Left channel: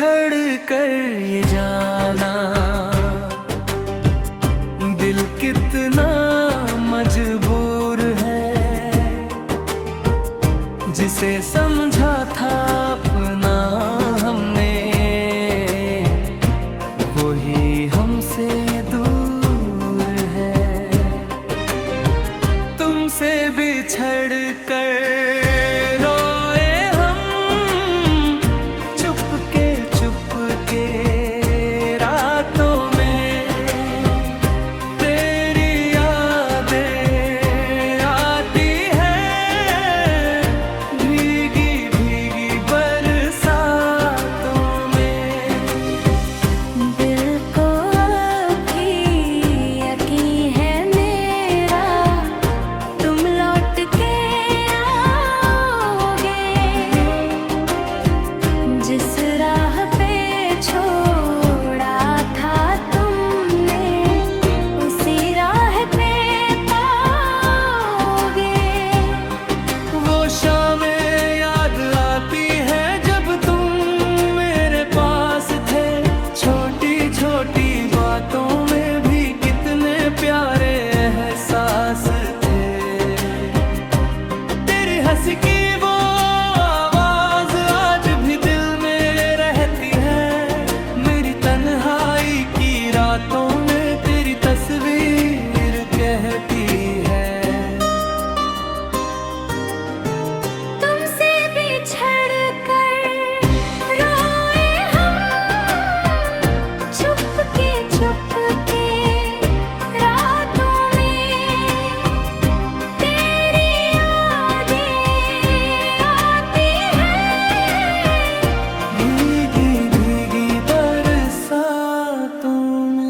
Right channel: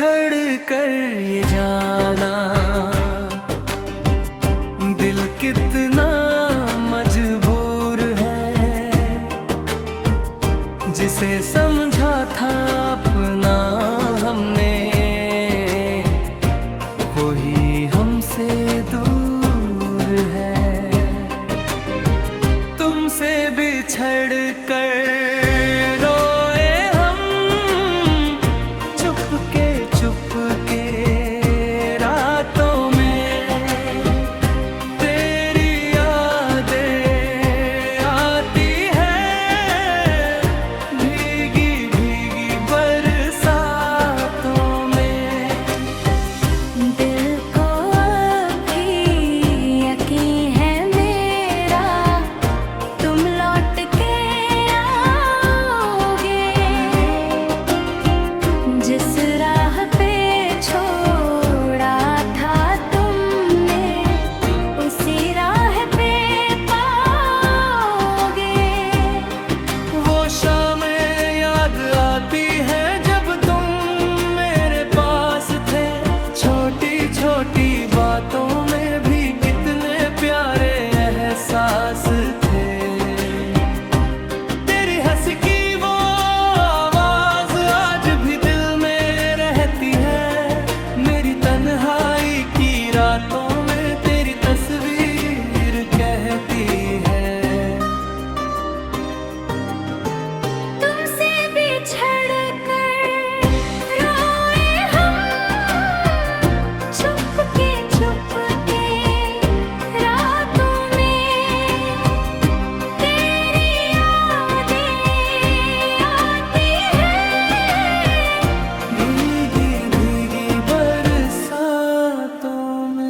बिछड़ कर ये जाना, दिल कितना मजबूर है। जिसे समझा था अपना हमने, वही हमसे दूर है। तुमसे बिछड़ कर रोए हम, चुपके चुपके रातों में। तेरी यादें आती है भीगी भीगी बरसातों में। दिल को अभी यकीन है मेरा, तुम लौट के आओगे। जिस राह पे छोड़ा था तुमने, उसी राह पे पाओगे। वो शामें याद आती है जब तुम मेरे पास थे। छोटी छोटी बातों में भी कितने प्यारे एहसास थे। तेरी हंसी की वो आवाज आज भी दिल में रहती है। मेरी तन्हाई की रातों में तेरी तस्वीर कहती है। तुमसे बिछड़ कर रोए हम, चुपके चुपके रातों में। तेरी यादें आती है भीगी भीगी बरसातों में।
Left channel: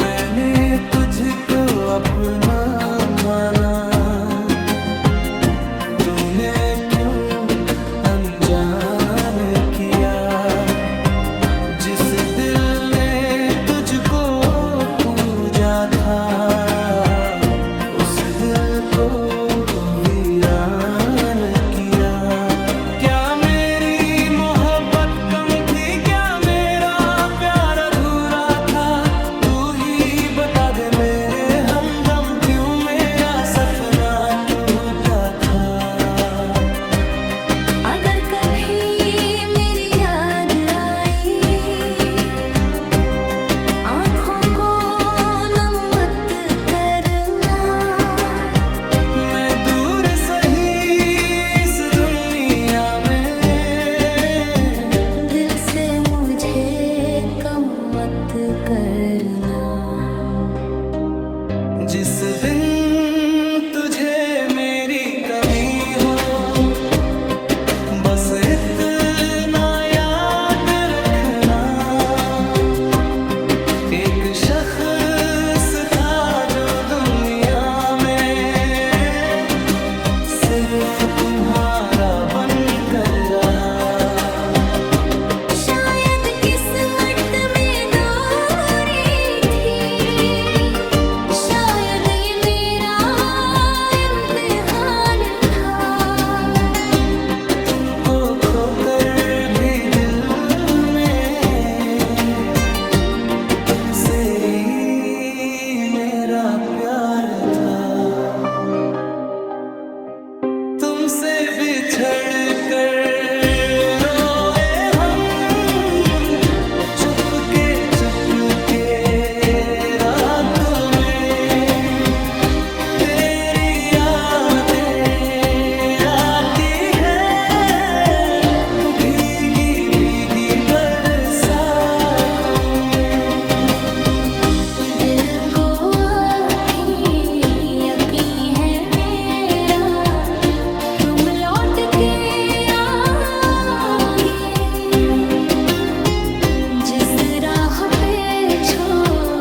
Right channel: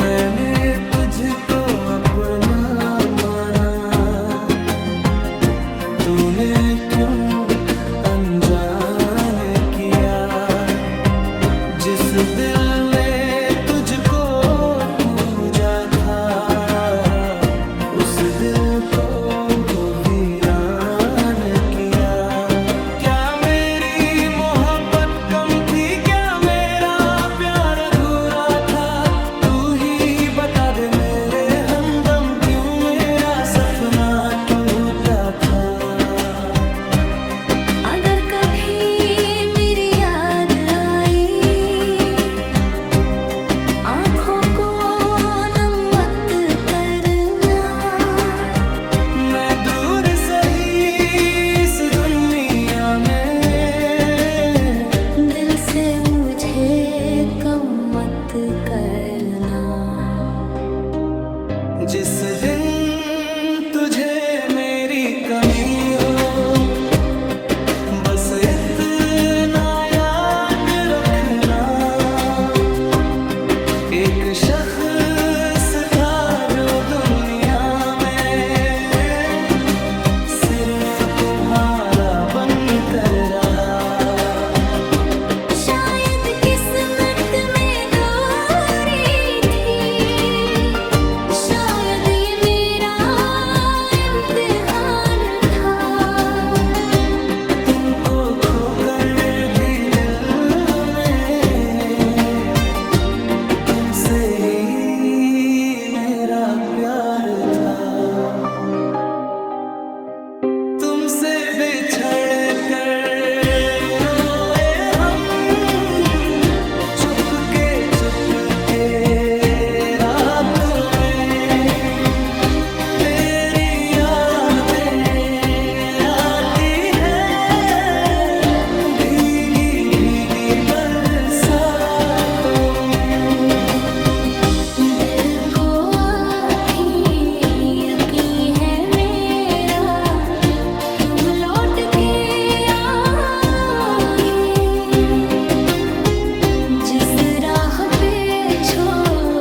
मैंने तुझको अपना माना, तूने क्यों अनजान किया। जिस दिल ने तुझको पूजा था, उस दिल को वीरान किया। क्या मेरी मोहब्बत कम थी, क्या मेरा प्यार अधूरा था। तू ही बता दे मेरे हमदम, क्यों मेरा सपना टूटा था। अगर कभी मेरी याद आई, आँखों को नम मत करना। मैं दूर सही इस दुनिया में, दिल से मुझे कम मत करना। जिस दिन तुझे मेरी कमी हो, बस इतना याद रखना। एक शख्स था जो दुनिया में सिर्फ तुम्हारा बन कर रहा। शायद किस्मत में दूरी थी, शायद ये मेरा इम्तिहान था। तुमको खोकर भी दिल में तुमसे ही मेरा प्यार था। तुमसे बिछड़ कर रोए हम, चुपके चुपके रातों में। तेरी यादें आती है भीगी भीगी बरसातों में। दिल को अभी यकीन है मेरा, तुम लौट के आओगे। जिस राह पे छोड़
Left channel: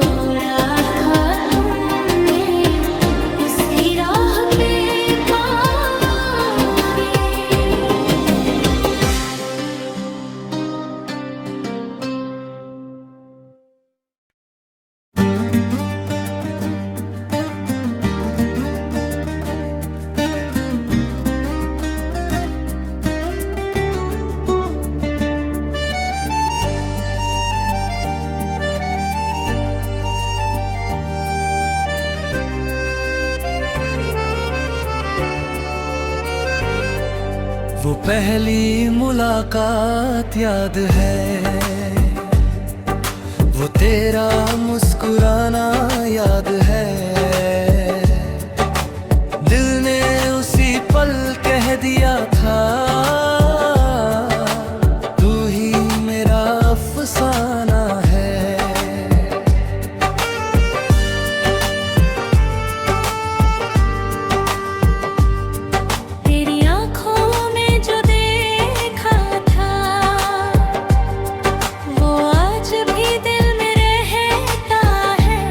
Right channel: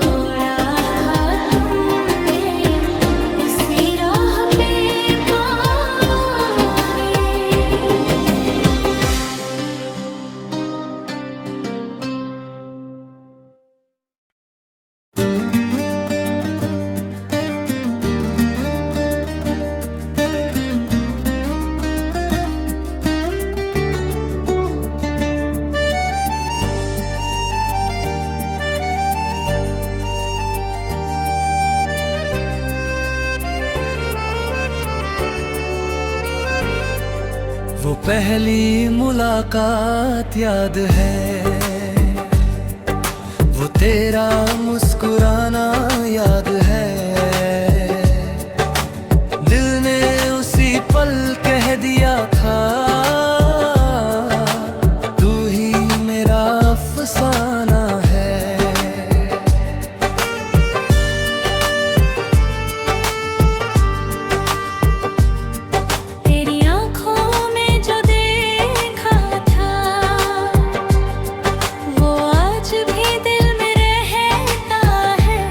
वो पहली मुलाकात याद है, वो तेरा मुस्कुराना याद है। दिल ने उसी पल कह दिया था, तू ही मेरा अफसाना है। तेरी आंखों में जो देखा था, वो आज भी दिल में रहता है।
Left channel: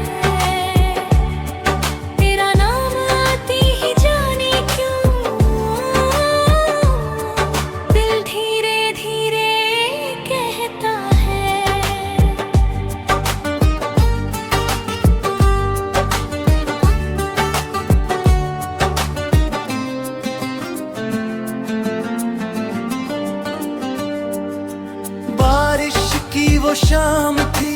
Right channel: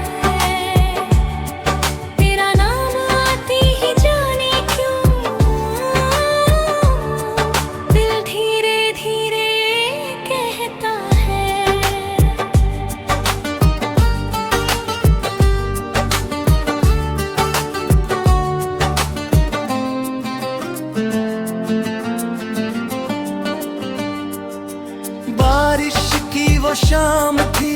तेरा नाम आती ही जाने क्यों, दिल धीरे धीरे कहता है। बारिश की वो शाम थी,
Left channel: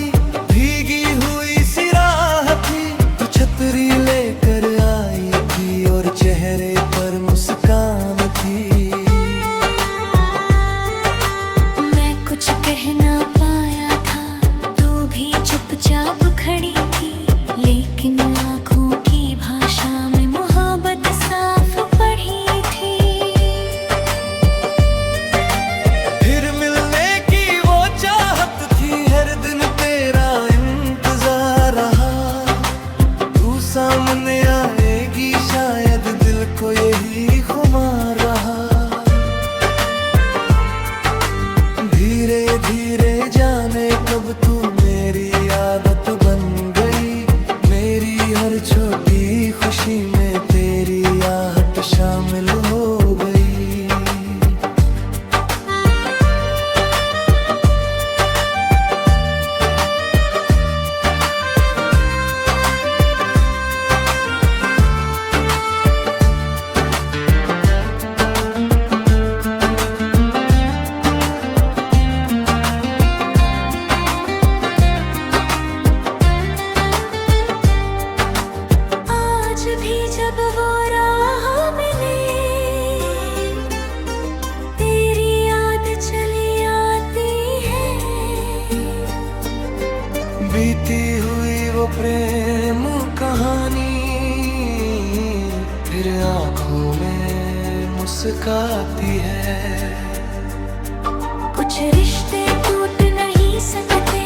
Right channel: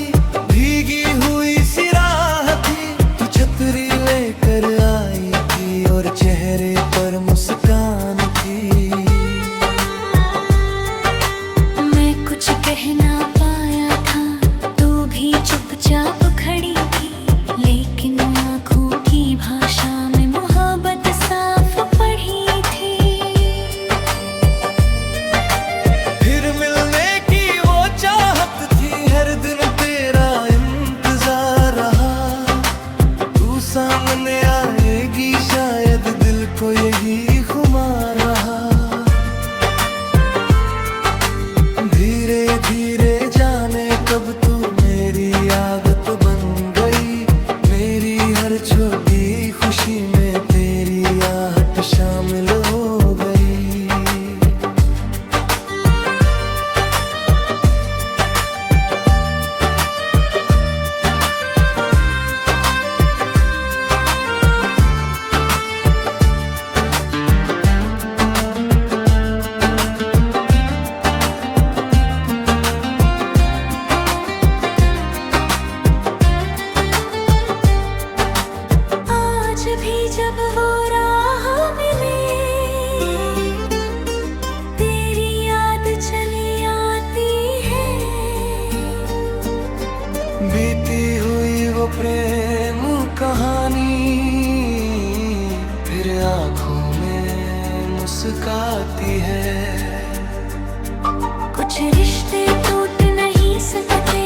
भीगी हुई सी राह थी। तू छतरी लेकर आई थी और चेहरे पर मुस्कान थी। मैं कुछ कह ना पाया था, तू भी चुपचाप खड़ी थी। लेकिन आँखों की भाषा में मोहब्बत साफ पढ़ी थी। फिर मिलने की वो चाहत थी, हर दिन तेरा इंतजार रहा। तू सामने आएगी शायद, दिल को यही खुमार रहा। धीरे धीरे जाने कब तू मेरी आदत बन गई। मेरी हर छोटी खुशी में तेरी आहट शामिल हो गई। आज भी जब वो राह मिले, तेरी याद चली आती है। बीती हुई वो प्रेम कहानी फिर आंखों में मुस्काती है। कुछ रिश्ते टूट नहीं सकते,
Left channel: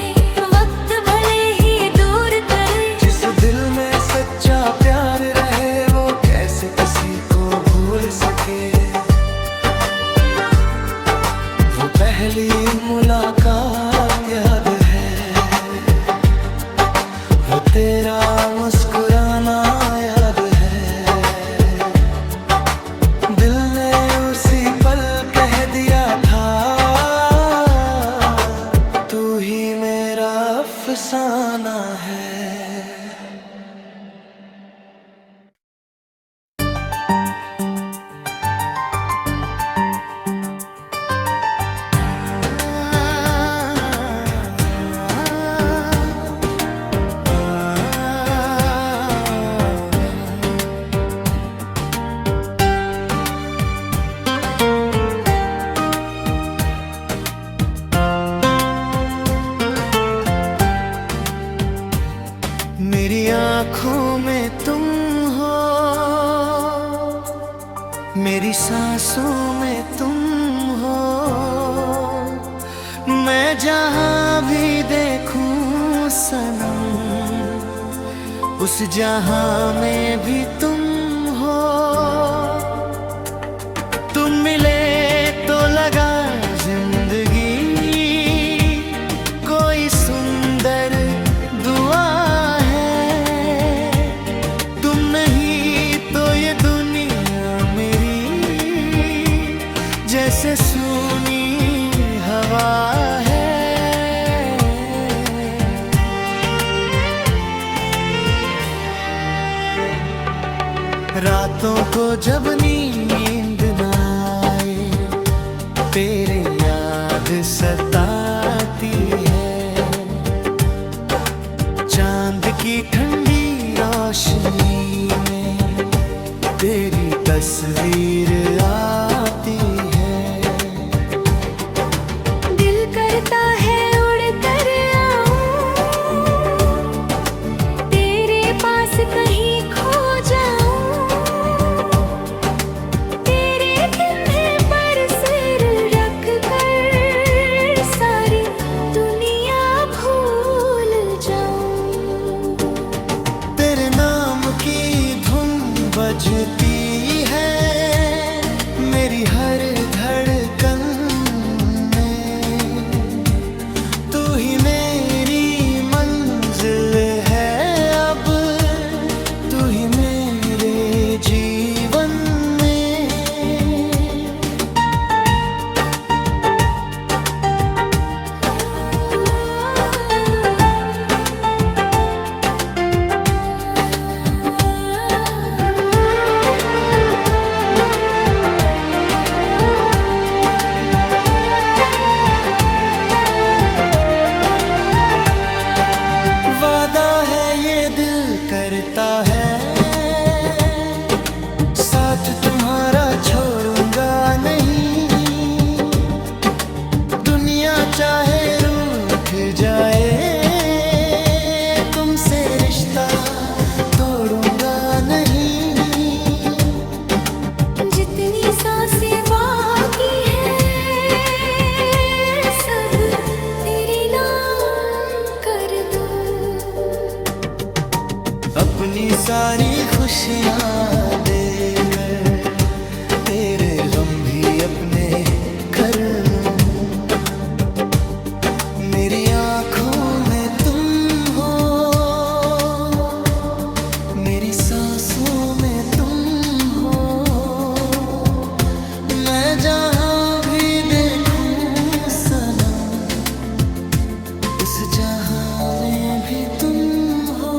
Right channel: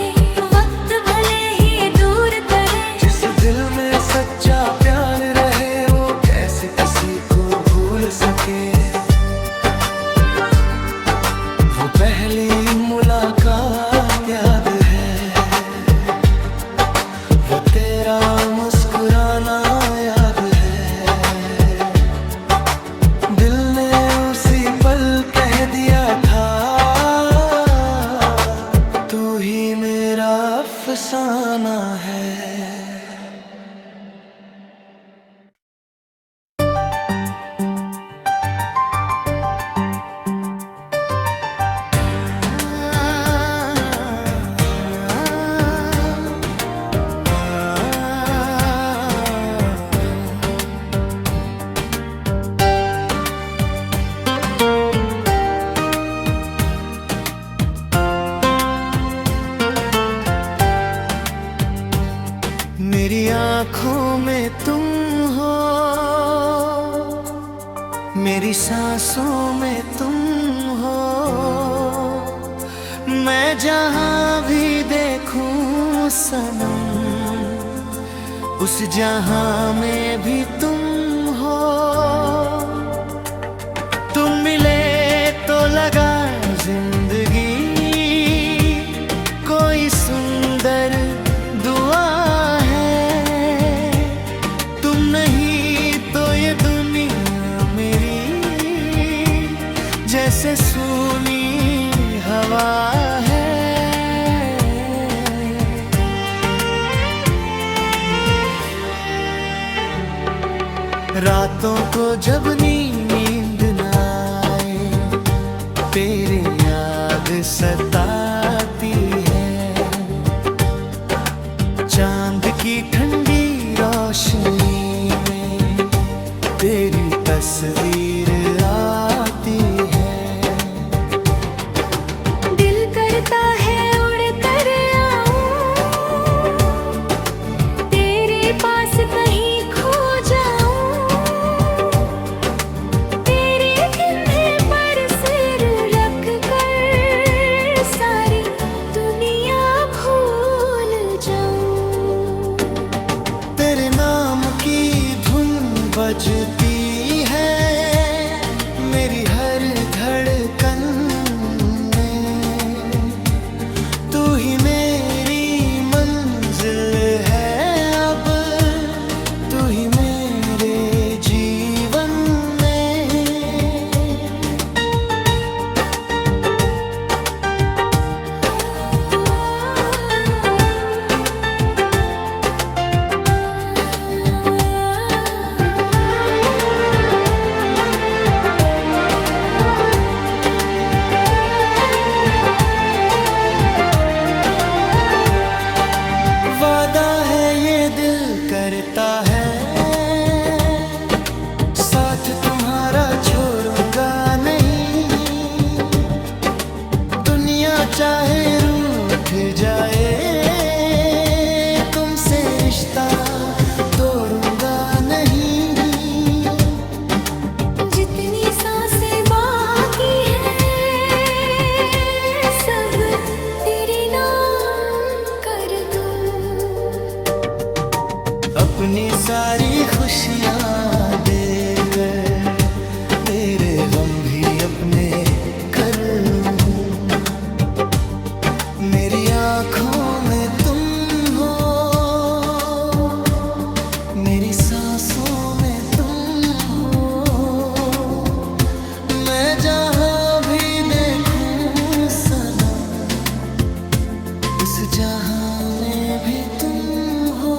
वक्त भले ही दूर करे। जिस दिल में सच्चा प्यार रहे, वो कैसे किसी को भूल सके। वो पहली मुलाकात याद है, वो तेरा मुस्कुराना याद है। दिल ने उसी पल कह दिया था, तू ही मेरा अफसाना है। मेरी आँखों में तुम हो, मेरी सांसों में तुम हो। मैं जहाँ भी देखूं सनम, उस जहाँ में भी तुम हो। तुम मिले तो लगा जिंदगी कोई सुंदर दुआ है। तुम नहीं तो ये दुनिया मेरी जैसे सूनी हवा है। रातों को जब नींद ना आए, तेरी याद सताती है। चांद की ठंडी रोशनी में तेरी तस्वीर आती है। मेरी हर धड़कन में तू ही मेरी मंजिल है, अब तू ही मेरे जीवन में। वादा है ये दिल करता है, साथ तुम्हारा छोड़ूंगा नहीं। दुनिया चाहे रूठ जाए, तुमसे रिश्ता तोड़ूंगा नहीं। जितनी सांसें बाकी है सब तेरे नाम कर दूं। अपनी सारी खुशियाँ देकर तेरे गम भी अपने कर लूं। मेरी आँखों में तुम हो, मेरी सांसों में तुम हो। मैं जहाँ भी देखूं सनम, उस जहाँ में भी तुम हो।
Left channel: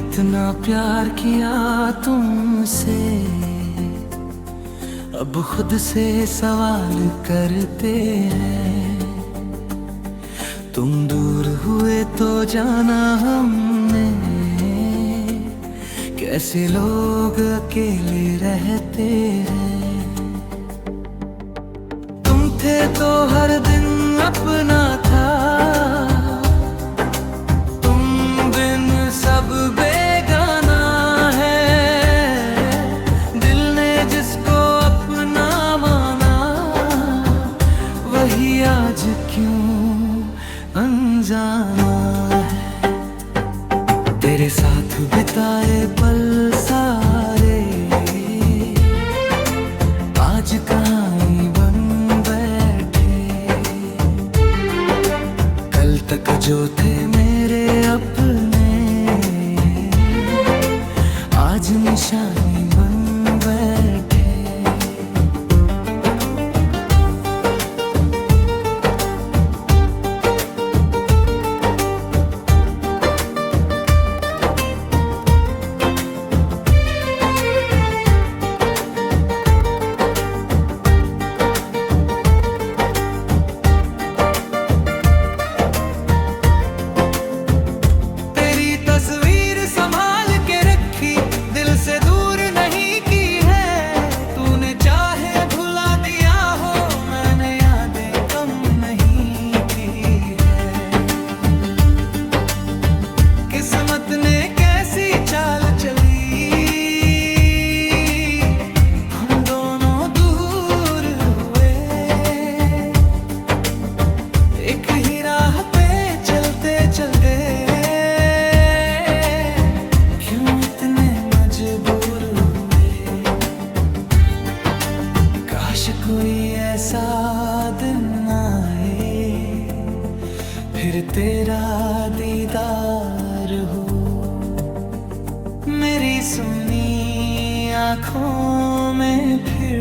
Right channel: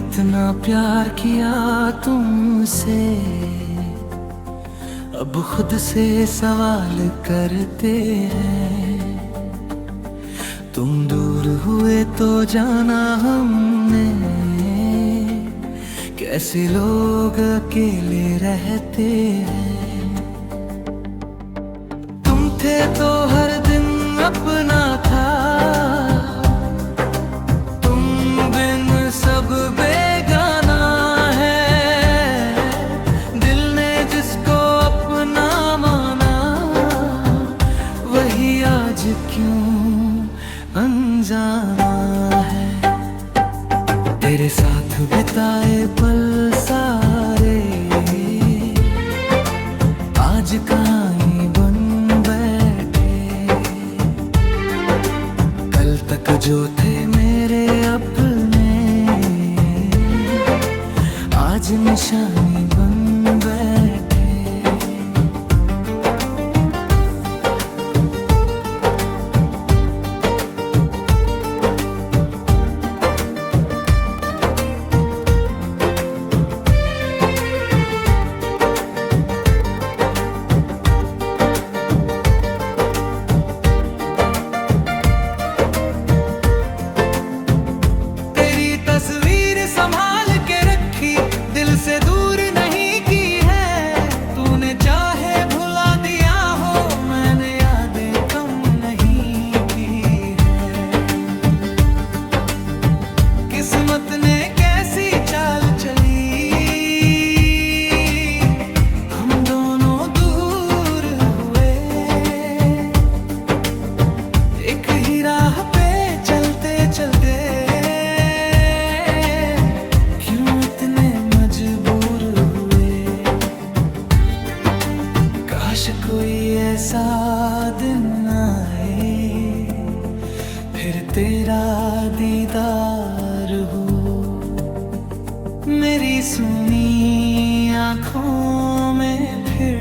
इतना प्यार किया तुमसे, अब खुद से सवाल करते हैं। तुम दूर हुए तो जाना हमने, कैसे लोग अकेले रहते हैं। तुम थे तो हर दिन अपना था, तुम बिन सब बेगाना है। दिल ने जिसको अपना माना, वही आज क्यों अनजाना है। तेरे साथ बिताए पल सारे आज कहानी बन बैठे। कल तक जो थे मेरे अपने, आज निशानी बन बैठे। तेरी तस्वीर संभाल के रखी, दिल से दूर नहीं की है। तूने चाहे भुला दिया हो, मैंने यादें कम नहीं की है। किस्मत ने कैसी चाल चली, हम दोनों दूर हुए। एक ही राह पे चलते चलते मजबूर हुए। काश कोई ऐसा दिन आए, फिर तेरा दीदार हो। मेरी सुनी आँखों में फिर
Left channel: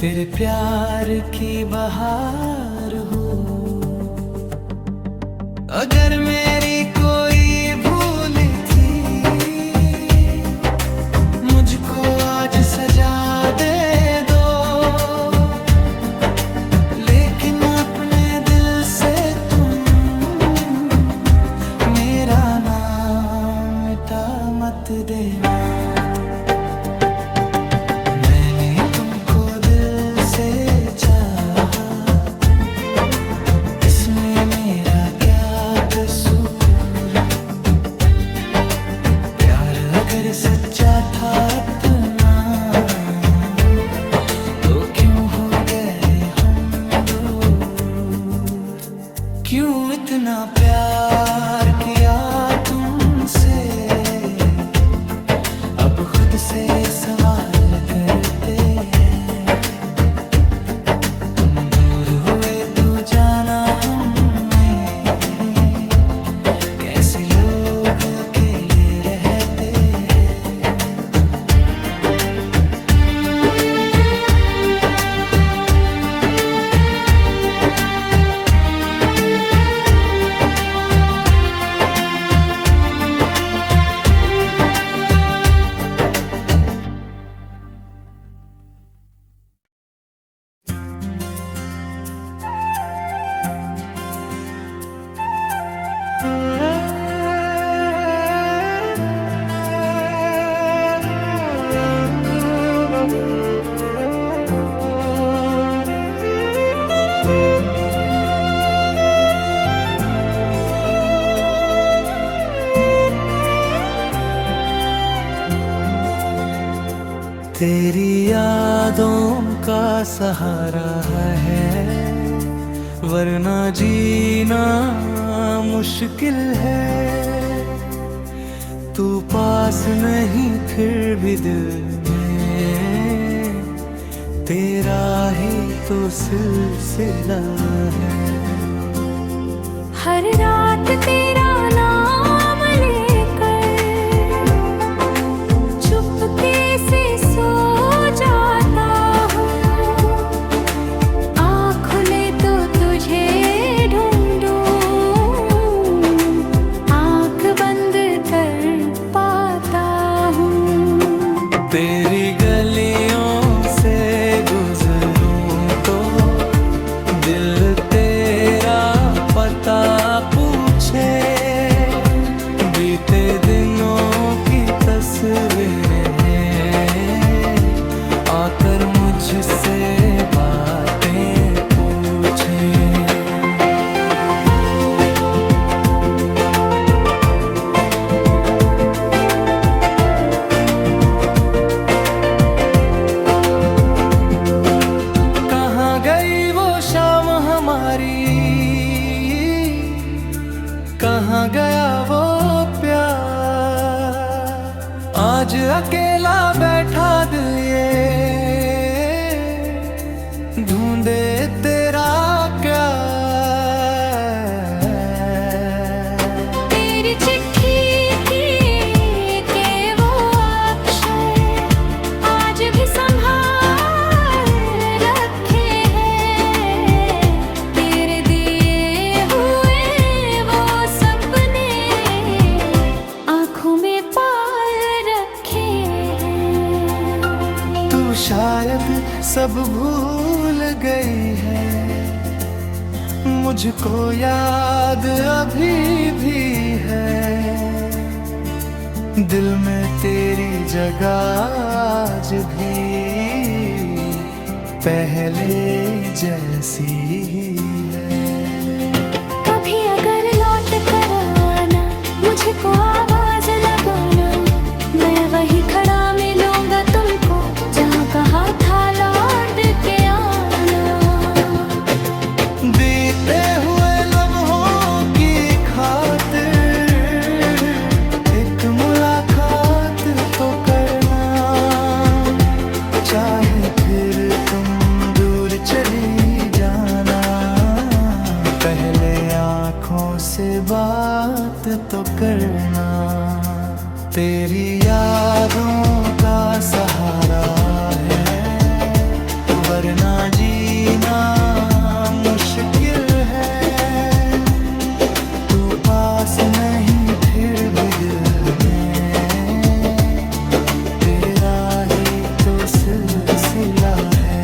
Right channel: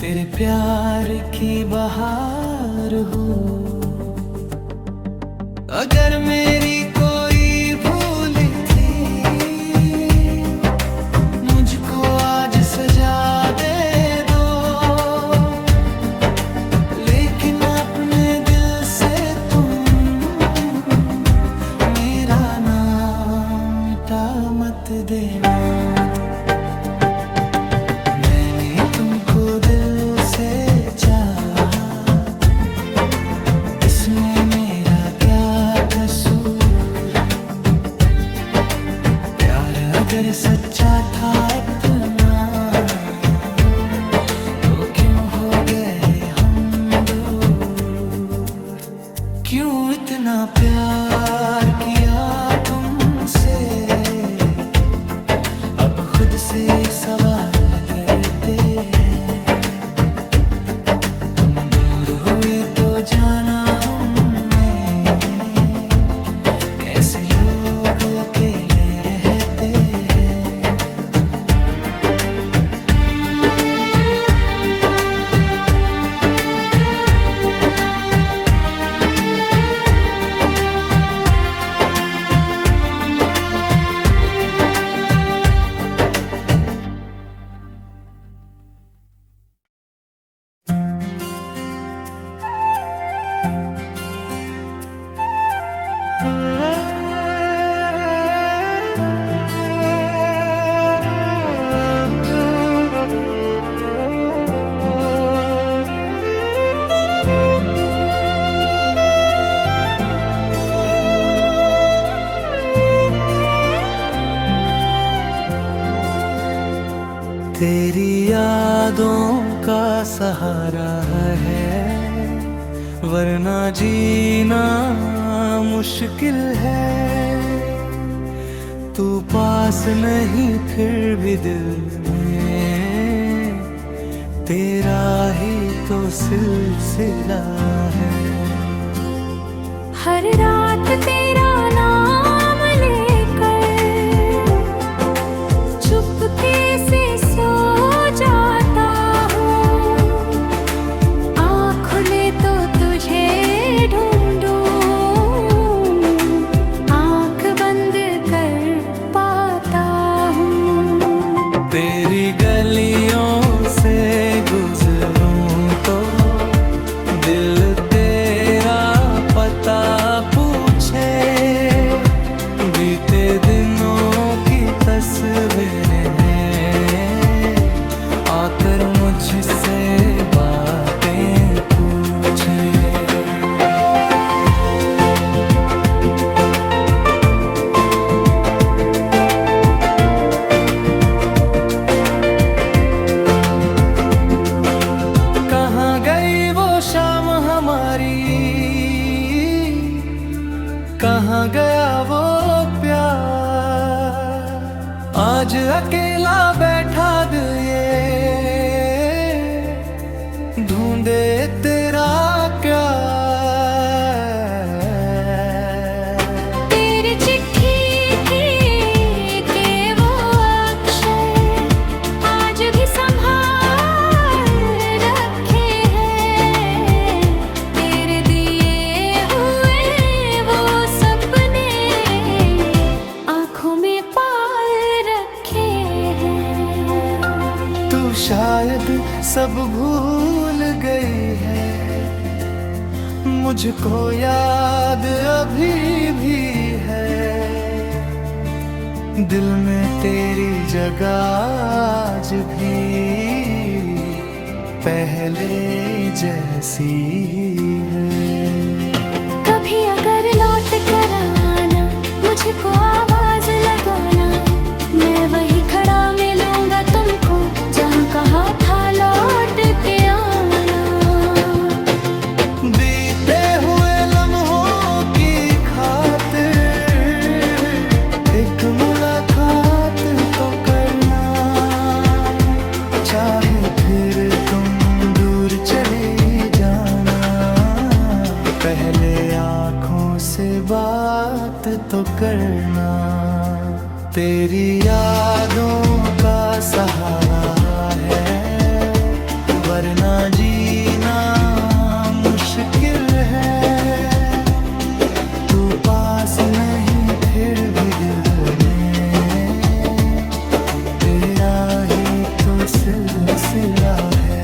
तेरे प्यार की बहार हो। अगर मेरी कोई भूल सजा दे दो, लेकिन अपने दिल से तुम मेरा नाम मिटा मत देना। मैंने तुमको दिल से चाहा, इसमें मेरा क्या कसूर। प्यार अगर सच्चा था अपना, तो क्यों हो गए हम दूर। क्यों इतना प्यार किया तुमसे, अब खुद से सवाल करते हैं। तुम दूर हुए तो जाना हमने, कैसे लोग अकेले रहते हैं। तेरी यादों का सहारा है, वरना जीना मुश्किल है। तू पास नहीं फिर भी दिल में, तेरा ही तो सिलसिला है। हर रात तेरा नाम लेकर चुपके से सो जाता हूँ। आँख खुले तो तुझे ढूंढूं, आँख बंद कर पाता हूँ। तेरी गलियों से गुजरूं तो दिल तेरा पता पूछे। बीते दिनों की तस्वीरें हैं, आकर मुझसे बातें पूछें। कहाँ गई वो शाम हमारी, कहाँ गया वो प्यार। आज अकेला बैठा दिल ये ढूंढे तेरा क्या। तेरी चिट्ठी के वो अक्षर आज भी संभाल रखे हैं। तेरे दिए हुए वो सपने आँखों में पाल रखे हैं। तू शायद सब भूल गई है, मुझको याद अभी भी है। दिल में तेरी जगह आज भी पहले जैसी ही है। कभी अगर लौट कर आना, मुझको आवाज लगाना। मैं वही खड़ा मिलूंगा तुमको, जहाँ कहा था लौट के आना। बीते हुए लम्हों की खातिर एक मुलाकात तो करना। चाहे फिर तुम दूर चली जाना, पहले आँखों से बात तो करना। तेरी यादों का सहारा है, वरना जीना मुश्किल है। तू पास नहीं फिर भी दिल में, तेरा ही तो मिला है।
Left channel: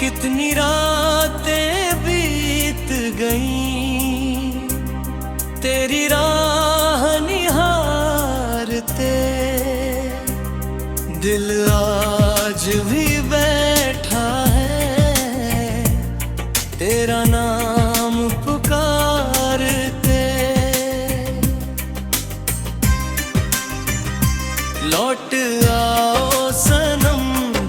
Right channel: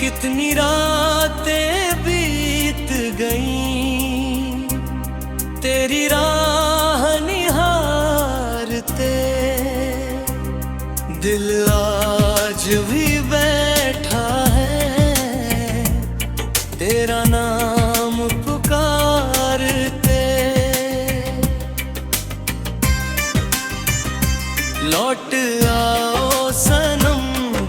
कितनी रातें बीत गईं तेरी राह निहारते, दिल आज भी बैठा है तेरा नाम पुकारते। लौट आओ सनम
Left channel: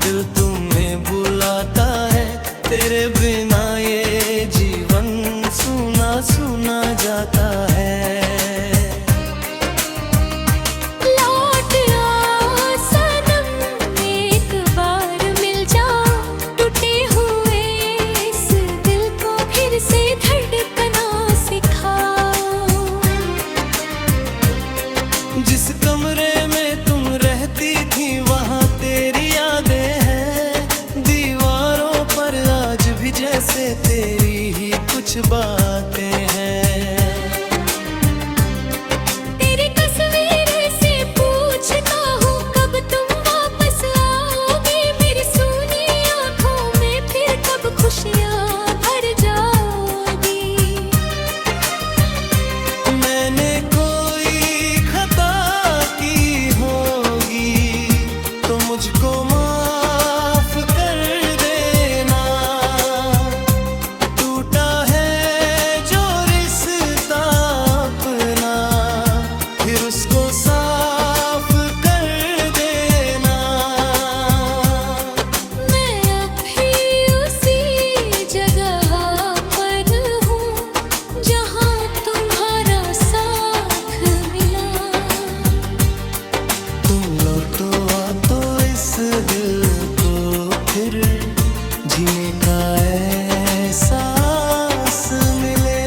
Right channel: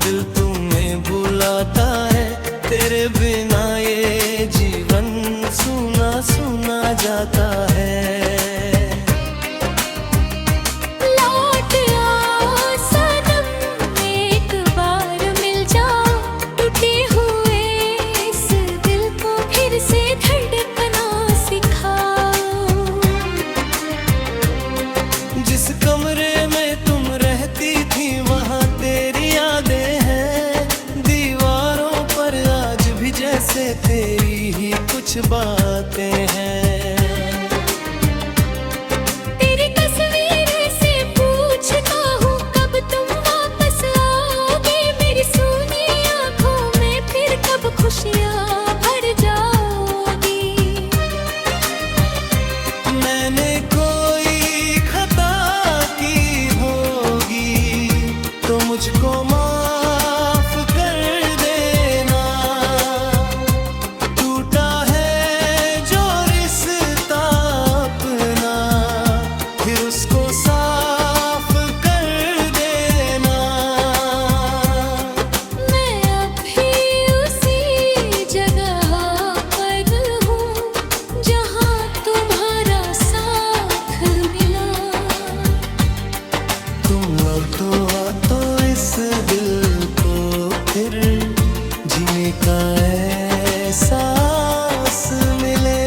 दिल तुम्हें बुलाता है, तेरे बिना ये जीवन सुना सुना जाता है। लौट आओ सनम एक बार मिल जाओ, टूटे हुए इस दिल को फिर से धड़कना सिखाओ। जिस कमरे में तुम रहती थी वहाँ तेरी यादें हैं, दीवारों पर आज भी जैसे तेरी ही कुछ बातें हैं। तेरी तस्वीर से पूछता हूँ कब तुम वापस आओगे, मेरी सूनी आँखों में फिर कब खुशियाँ भर जाओगी। मैंने कोई खता की होगी तो मुझको माफ कर देना, टूटा है जो रिश्ता अपना फिर उसको साफ कर देना। मैं अब भी उसी जगह पर हूँ जहाँ तुम्हारा साथ मिला। तुम लौटो तो इस दिल को फिर जीने का एहसास मिले।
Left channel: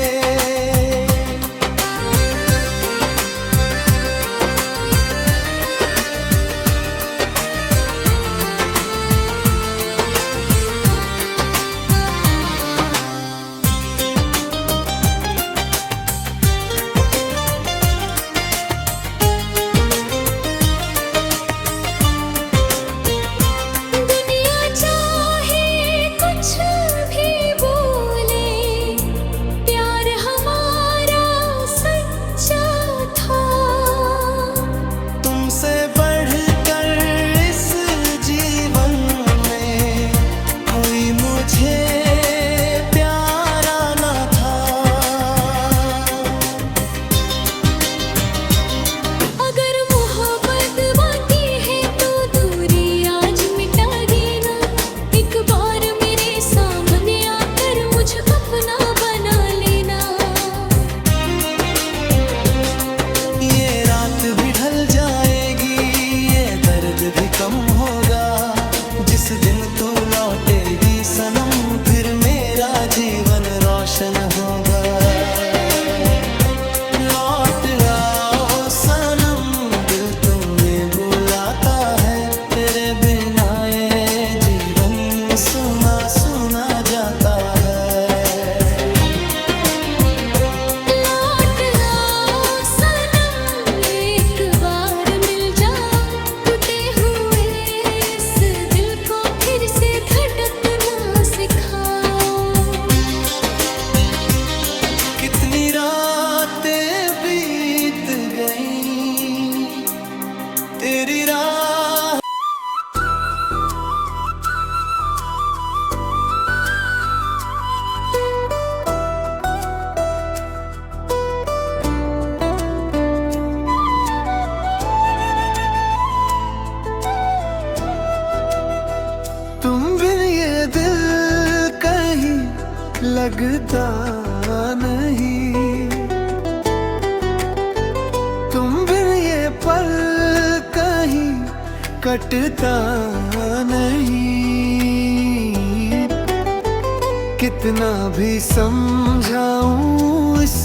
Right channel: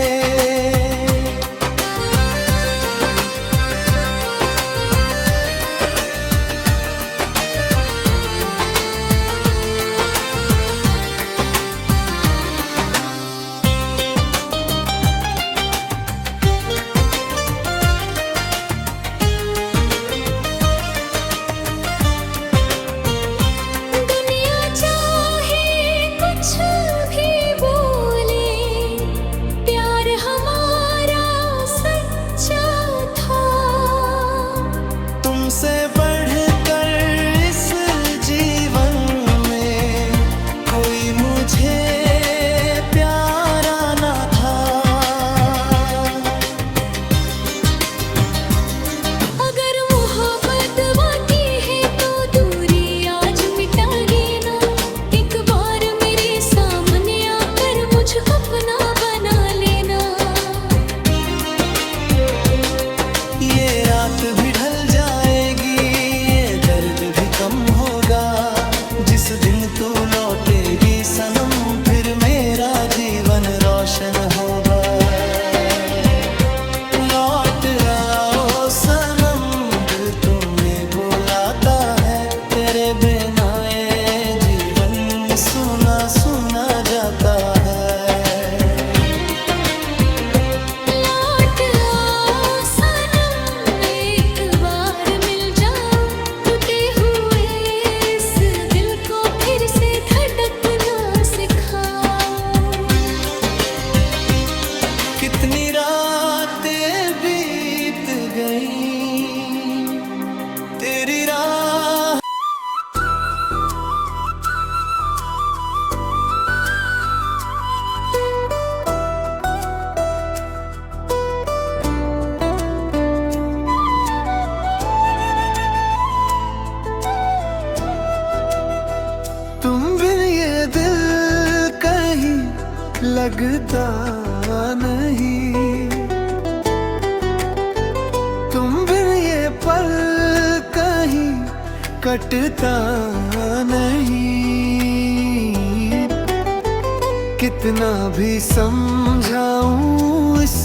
दुनिया चाहे कुछ भी बोले, प्यार हमारा सच्चा था। तुमसे बढ़कर इस जीवन में कोई मुझे प्यारा ना था। अगर मोहब्बत बाकी है तो दूरी आज मिटा देना, एक बार मेरे सामने आकर मुझ अपना बना लेना। ये रात भी ढल जाएगी, ये दर्द भी कम होगा, जिस दिन तू लौटेगी सनम फिर मेरा जीवन रोशन होगा। लौट आओ सनम दिल तुम्हें बुलाता है, तेरे बिना ये जीवन सुना सुना जाता है। लौट आओ सनम एक बार मिल जाओ, टूटे हुए इस दिल को फिर से धड़कना सिखाओ। कितनी रातें बीत गईं लगता नहीं। तुम बिन ये पल कहीं कटता नहीं। कितना भी समझाऊं इस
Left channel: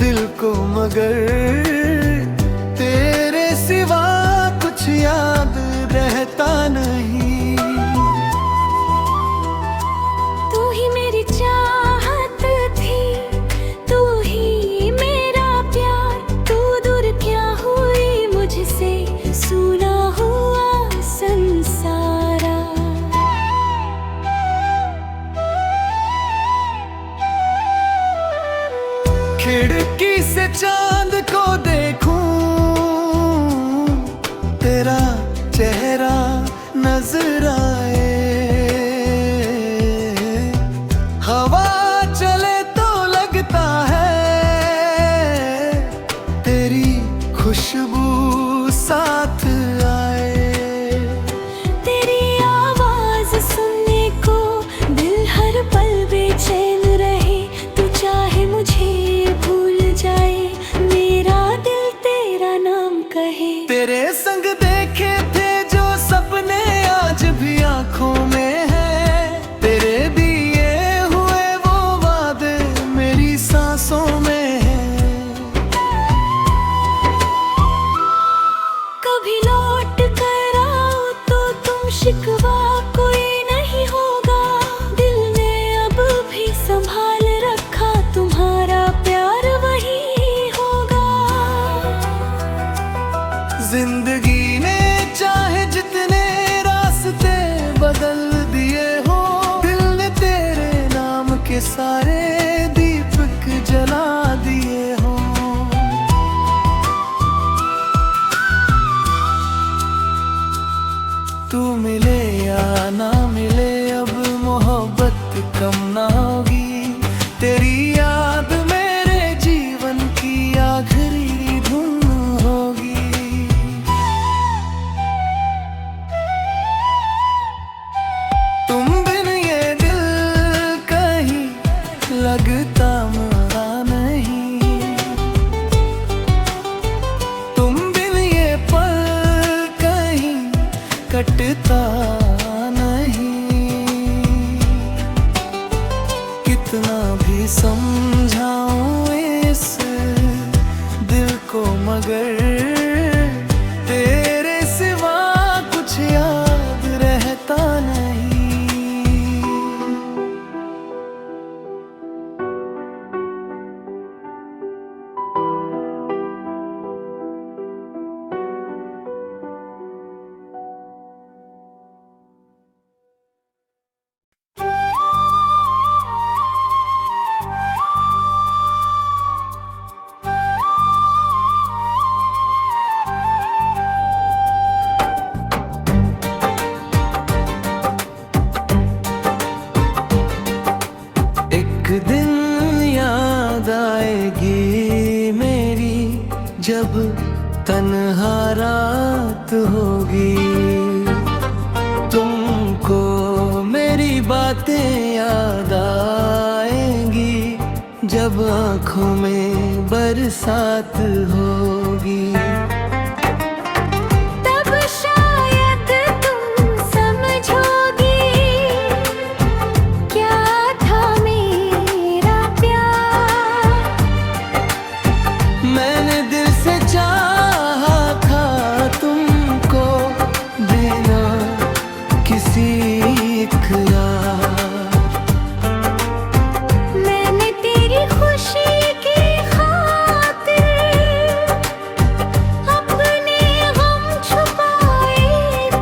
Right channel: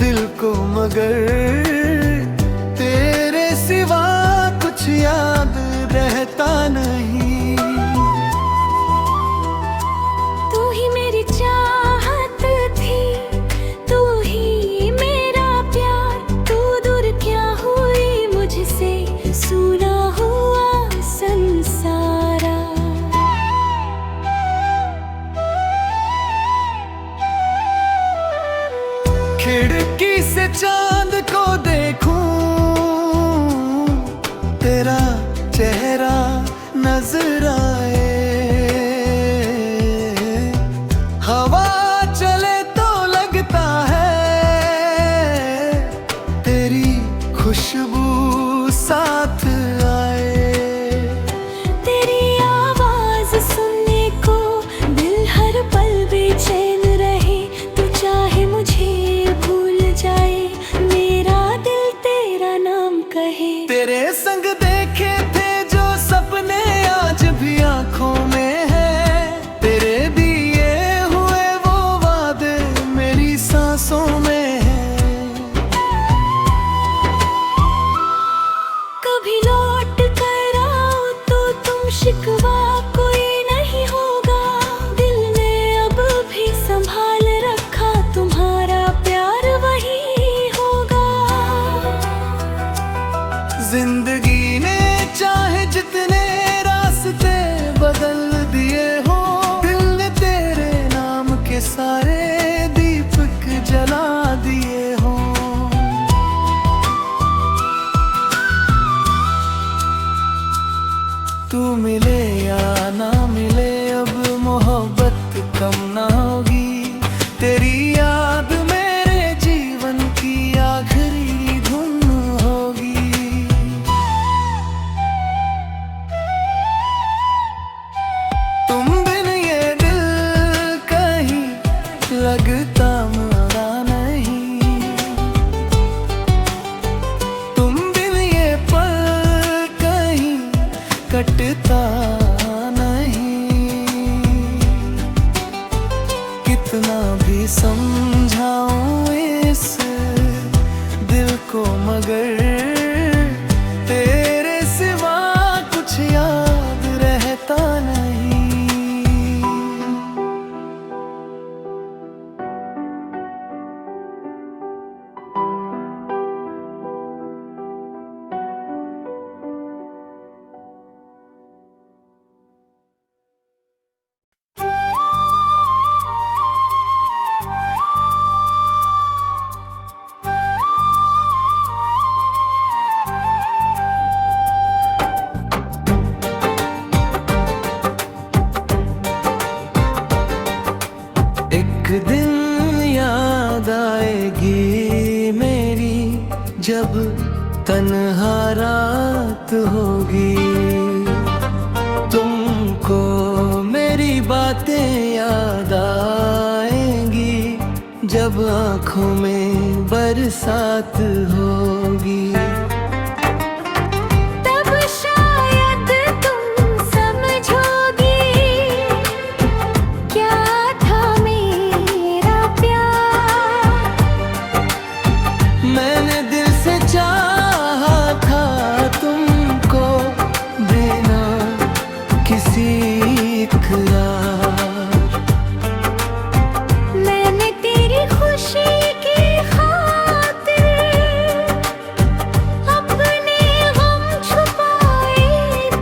दिल को, मगर तेरे सिवा कुछ याद रहता नहीं। तू ही मेरी चाहत थी, तू ही मेरा प्यार। तू दूर क्या हुई मुझसे, सूना हुआ संसारा। खिड़की से चांद को देखूं, तेरा चेहरा नजर आए। हवा चले तो लगता है तेरी खुशबू साथ आए। तेरी आवाज सुनने को दिल हर पल बेचैन रहे। तू चाहे मुझे भूल जाए, मेरा दिल तेरा नाम कहे। तेरे संग देखे थे जो सपने आज भी आंखों में है। तेरे दिए हुए वो वादे मेरी सांसों में है। कभी लौट कर आओ तो तुम शिकवा कोई नहीं होगा। दिल ने अब भी संभाल रखा, तुम्हारा प्यार वही होगा। जिंदगी ने चाहे जितने रास्ते बदल दिए हो, दिल ने तेरे नाम के सारे दीपक जला दिए हो। तू मिले या ना मिले अब मोहब्बत कम ना होगी। तेरी याद मेरे जीवन की आखिरी धुन होगी। तुम बिन ये दिल कहीं लगता मेरा नहीं। तुम बिन ये पल कहीं कटता नहीं। कितना भी समझाऊं इस दिल को, मगर तेरे सिवा कुछ याद रहता नहीं। एक दिन याद आएगी मेरी, जब तन्हा रात होगी। तुमको मेरी बातें याद आएंगी, जब आँखों में बरसात होगी। तब शायद तुम समझोगी क्या था मेरा प्यार। मैंने दिल से चाहा था तुमको, बिना किसी इकरार। मैंने तेरी खुशी की खातिर अपने गम छुपाए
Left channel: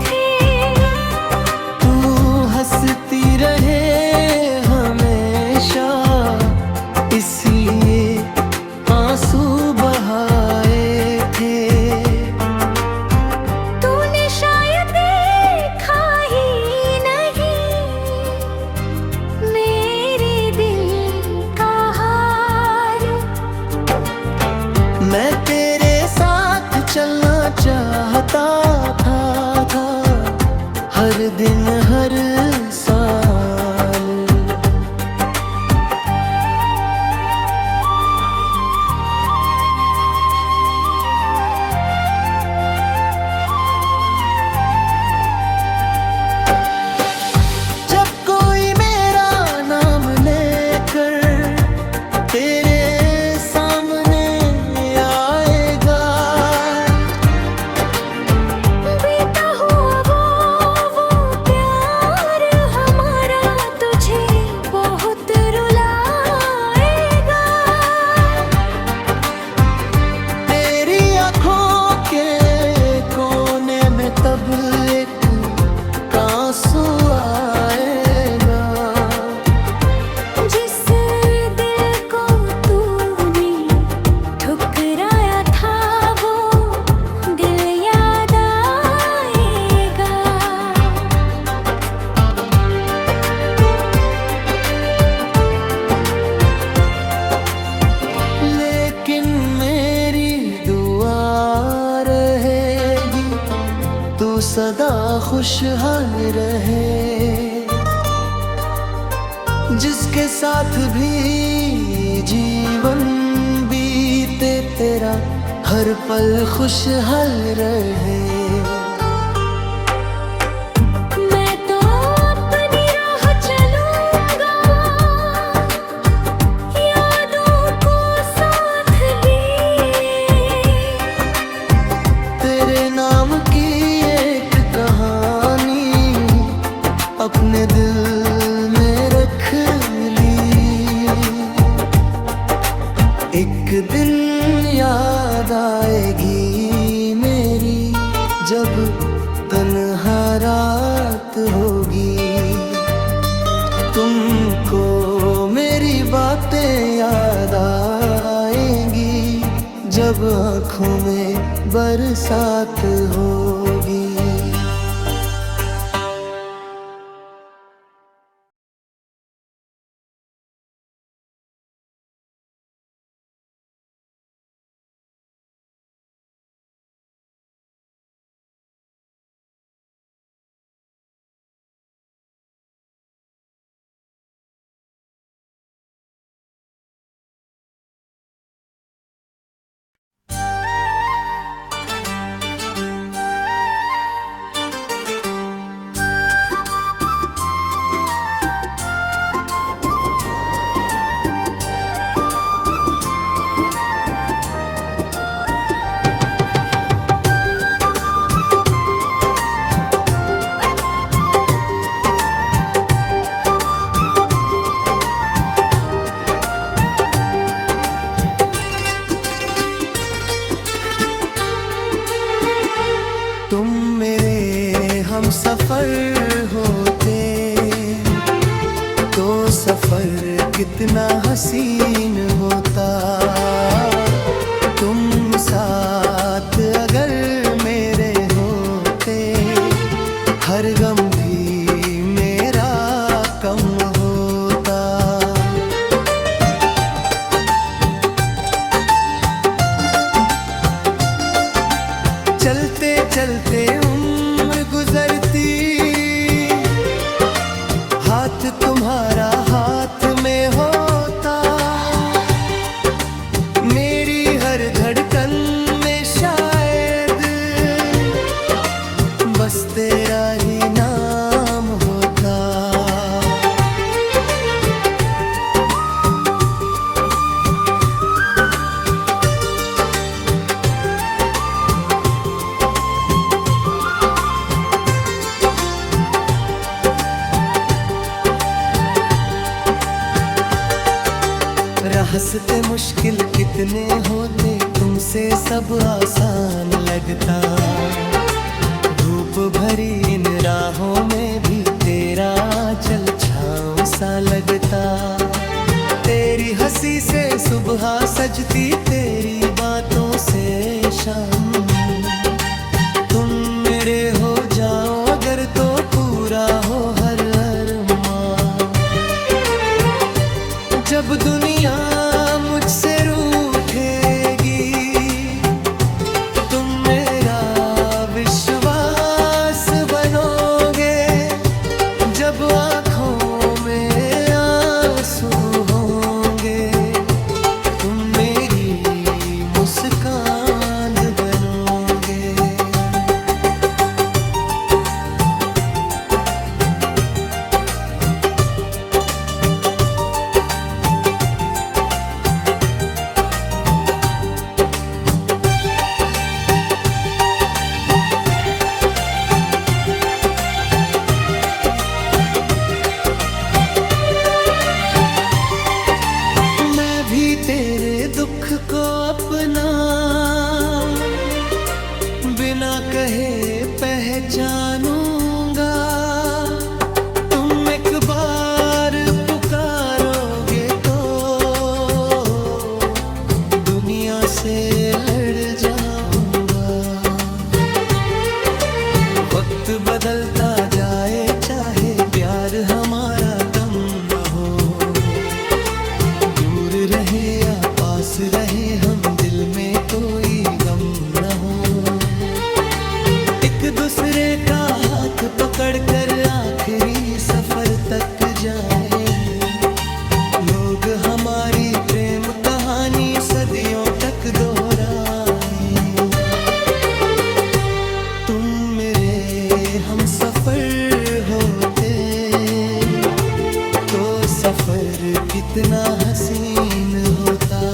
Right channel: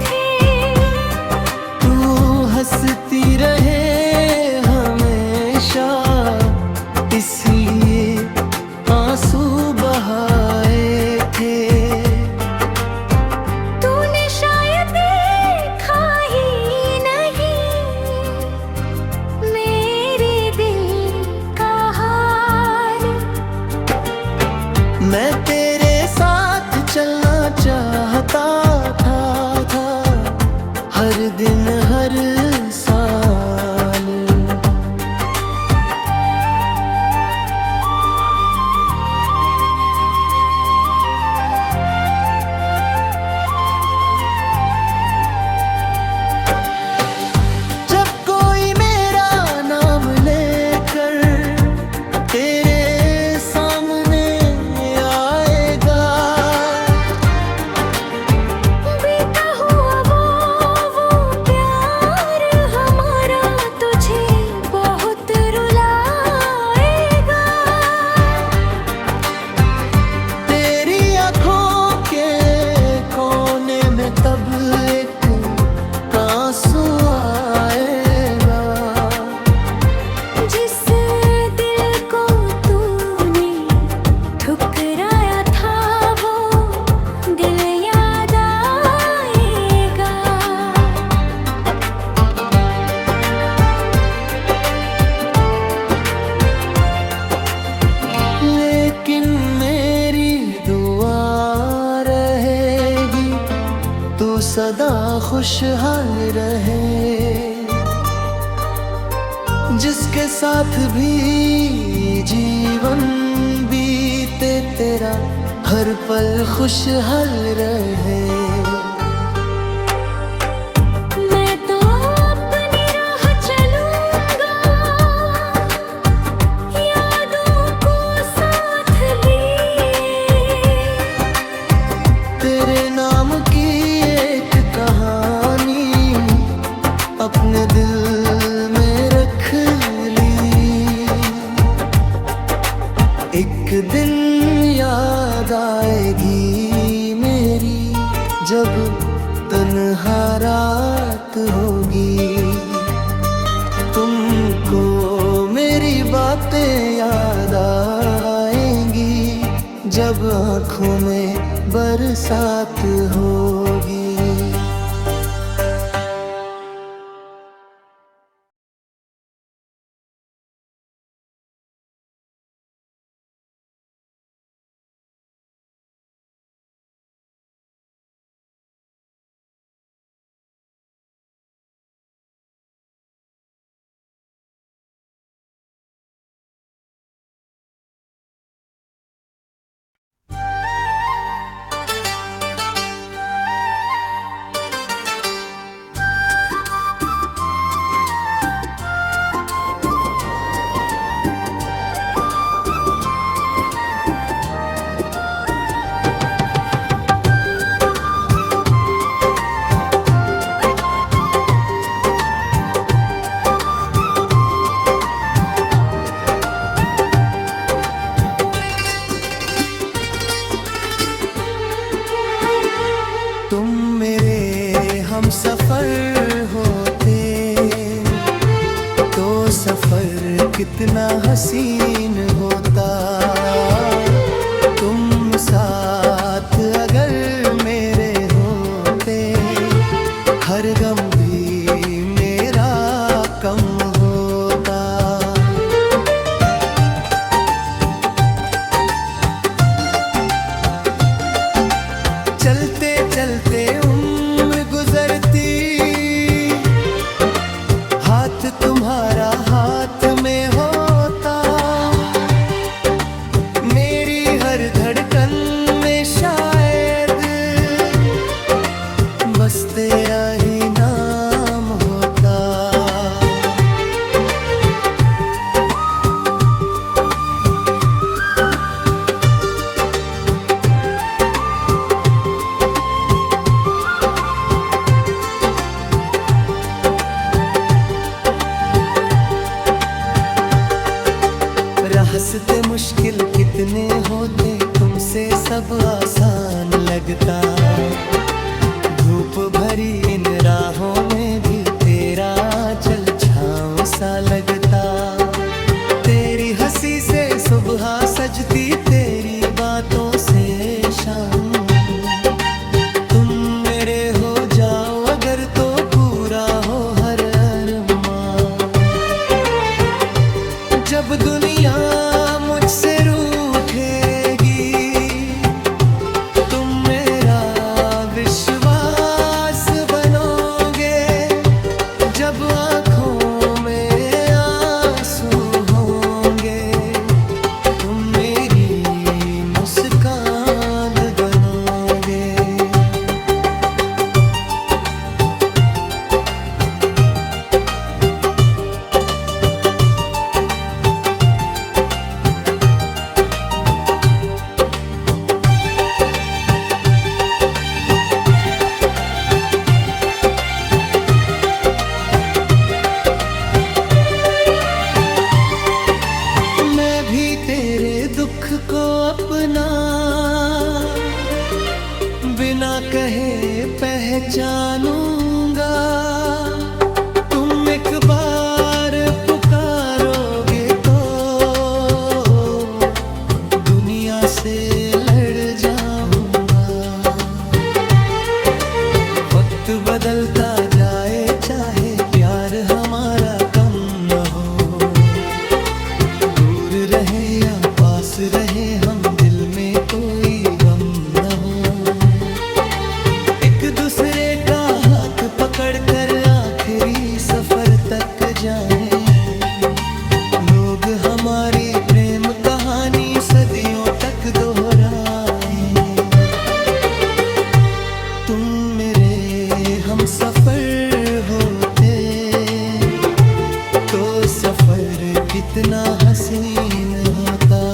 थे। तू हंसती रहे हमेशा, इसलिए आंसू बहाए थे। तूने शायद देखा ही नहीं मेरे दिल का हाल। मैं तेरे साथ चलना चाहता था हर दिन हर साल। सदा खुशहाल रहे। जिसके साथ भी जीवन बीते तेरा हर पल खुशहाल रहे। मैं तो अपनी राह चलूंगा, यादों को साथ लिए। तेरे नाम की एक कहानी अपने दिल में रख ली। एक दिन याद आएगी मेरी जब तन्हा रात होगी। तुमको मेरी बातें याद आएंगी जब आँखों में बरसात होगी। तुम मेरे हम सफर होते तो सफर कितना हसीन होता। तुम साथ अगर मेरे होते हर गम भी मेरा कम होता। चलते चलते उम्र गुजरती, हाथ तुम्हारा हाथ में होता। मेरी हर धड़कन में शायद बस तेरा ही नाम होता। रास्ते मुश्किल कितने होते तुमसे सब आसान लगता। धूप भरी इन राहों में भी तेरा चल छाँव सा लगता। तेरी हंसी से सुबह सजती, तेरी बातों से शाम। तुम मेरे हो जाओ अगर तो पूरा हो हर अरमान। जब दुनिया मुझसे रूठेगी तुम मेरा विश्वास बनोगे। जब आँखों में आंसू होंगे तुम मेरी मुस्कान बनोगे। तेरे दुख को अपना बिना कहे पहचानूंगा। तुम एक बार पुकारोगे तो दुनिया से लड़ जाऊंगा। वक्त बदलता जाए चाहे प्यार हमारा कम न हो। दूर रहे या पास रहे हम दिल में कोई गम न हो। एक दूसरे का बढ़कर आखिरी सफर तक जाए। लोग हमारी प्रेम कहानी सदियों तक दोहराए। तुम मेरे हम सफर होते तो सफर कितना हसीन होता।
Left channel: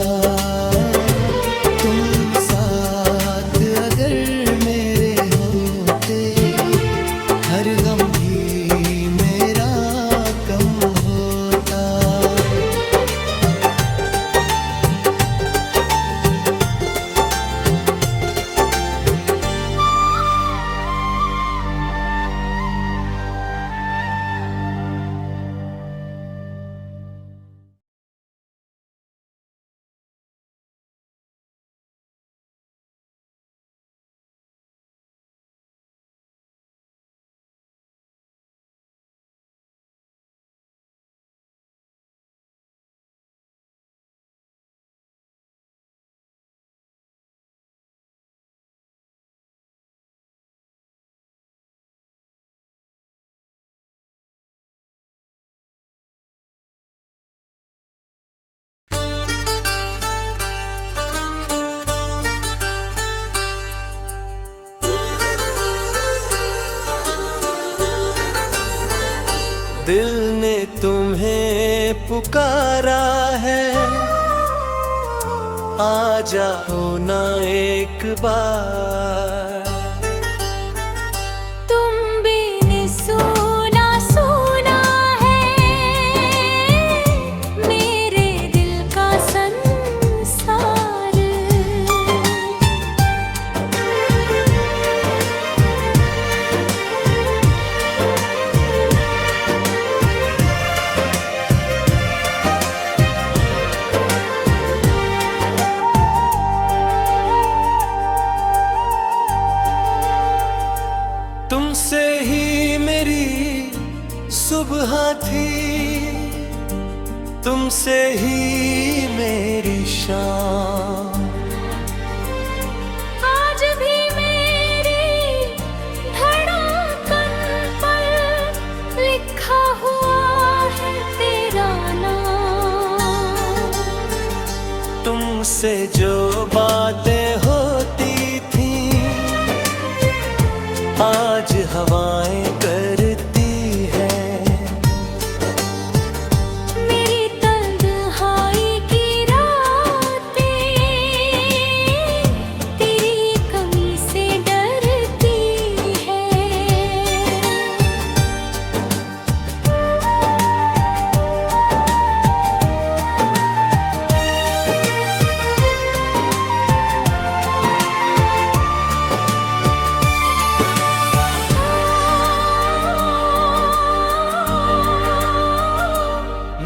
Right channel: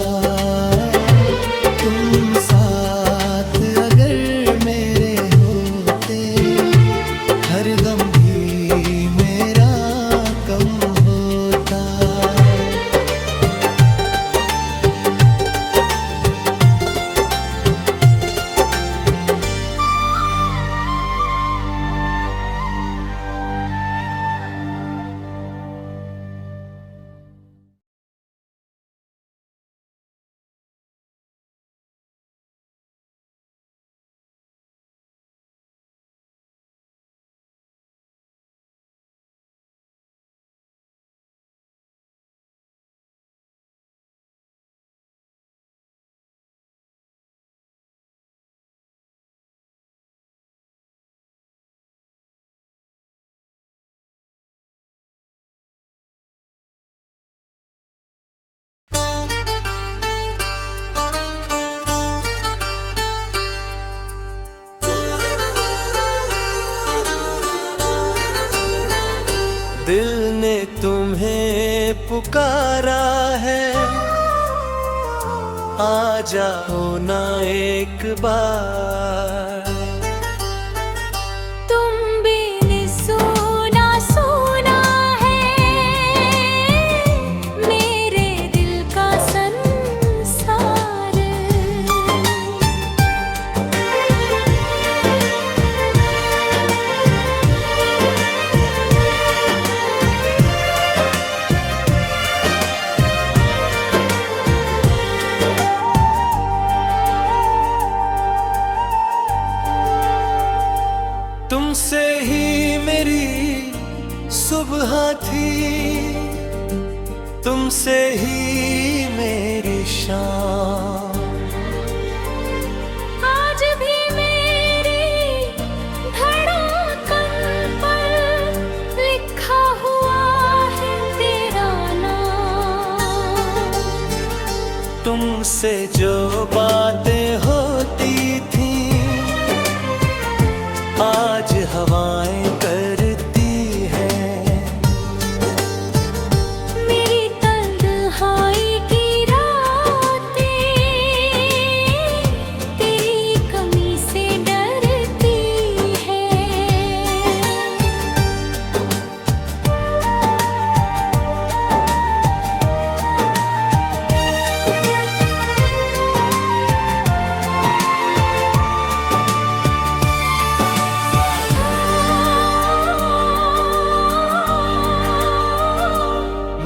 तुम साथ अगर मेरे होते, हर गम भी मेरा कम होता। दिल ने तुम्हें पुकारा है, आ जाओ ना एक बार। तुम बिन सोना सोना है मेरे दिल का संसार। तुमसे ही मेरी सुबह थी, तुमसे ही मेरी शाम। आज भी मेरी धड़कन पर लिखा हुआ है तेरा नाम। तुमसे जो बातें होती थी आज हवाएं करती है। मेरी तन्हाई की रातें तेरी कमी से डरती है।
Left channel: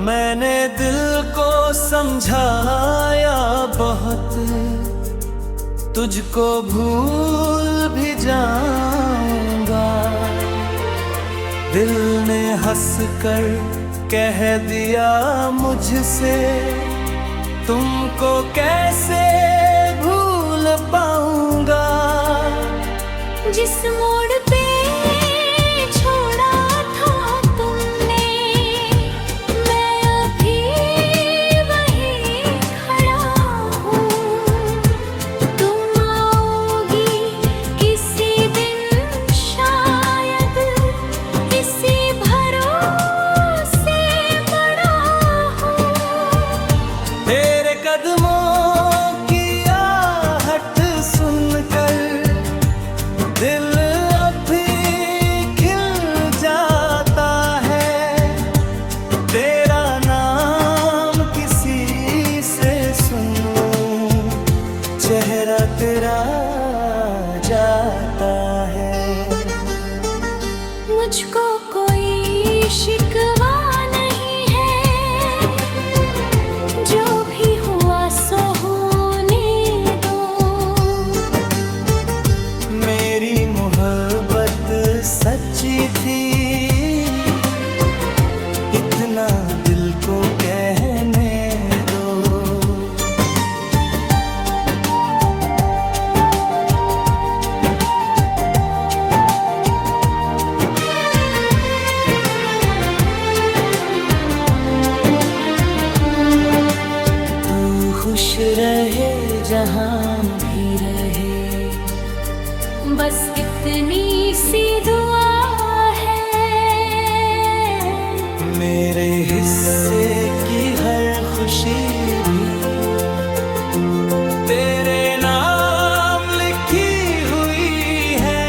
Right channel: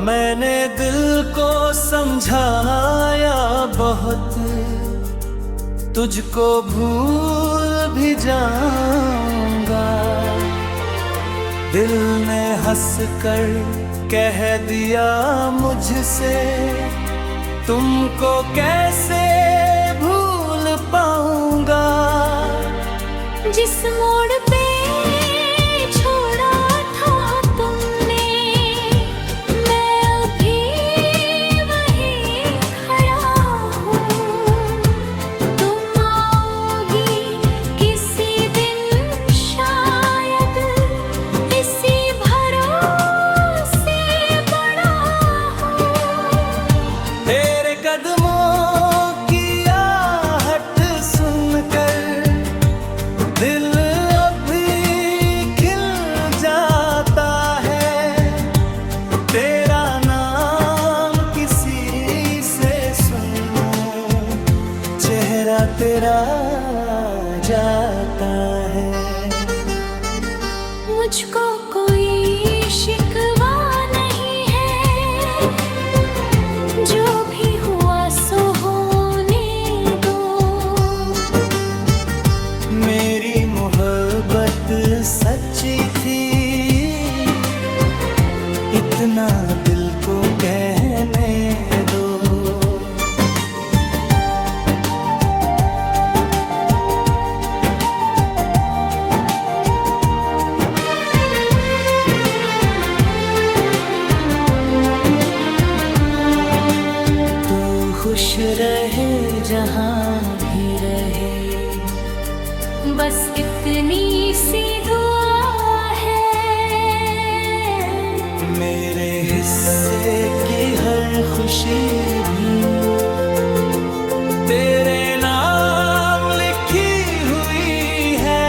मैंने दिल को समझाया बहुत, तुझको भूल भी जाऊंगा। दिल ने हंस कर कह दिया मुझसे, तुमको कैसे भूल पाऊंगा। जिस मोड़ पे छोड़ा था तुमने, मैं अभी वहीं खड़ा हूँ। तुम आओगी किसी दिन शायद, इसी भरोसे बड़ा हूँ। तेरे कदमों की आहट सुनकर दिल अभी खिल जाता है। तेरा नाम किसी से सुनूं, चेहरा तेरा जाता है। मुझको कोई शिकवा नहीं है, जो भी हुआ सो होने दो। मेरी मोहब्बत सच्ची थी, इतना दिल को कहने दो। खुश रहे जहां भी रहे। बस इतनी सी दुआ है, मेरे हिस्से की हर खुशी भी तेरे नाम लिखी हुई है।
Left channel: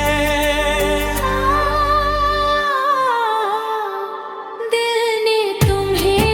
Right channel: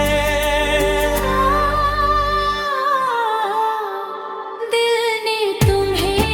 दिल ने तुम्हें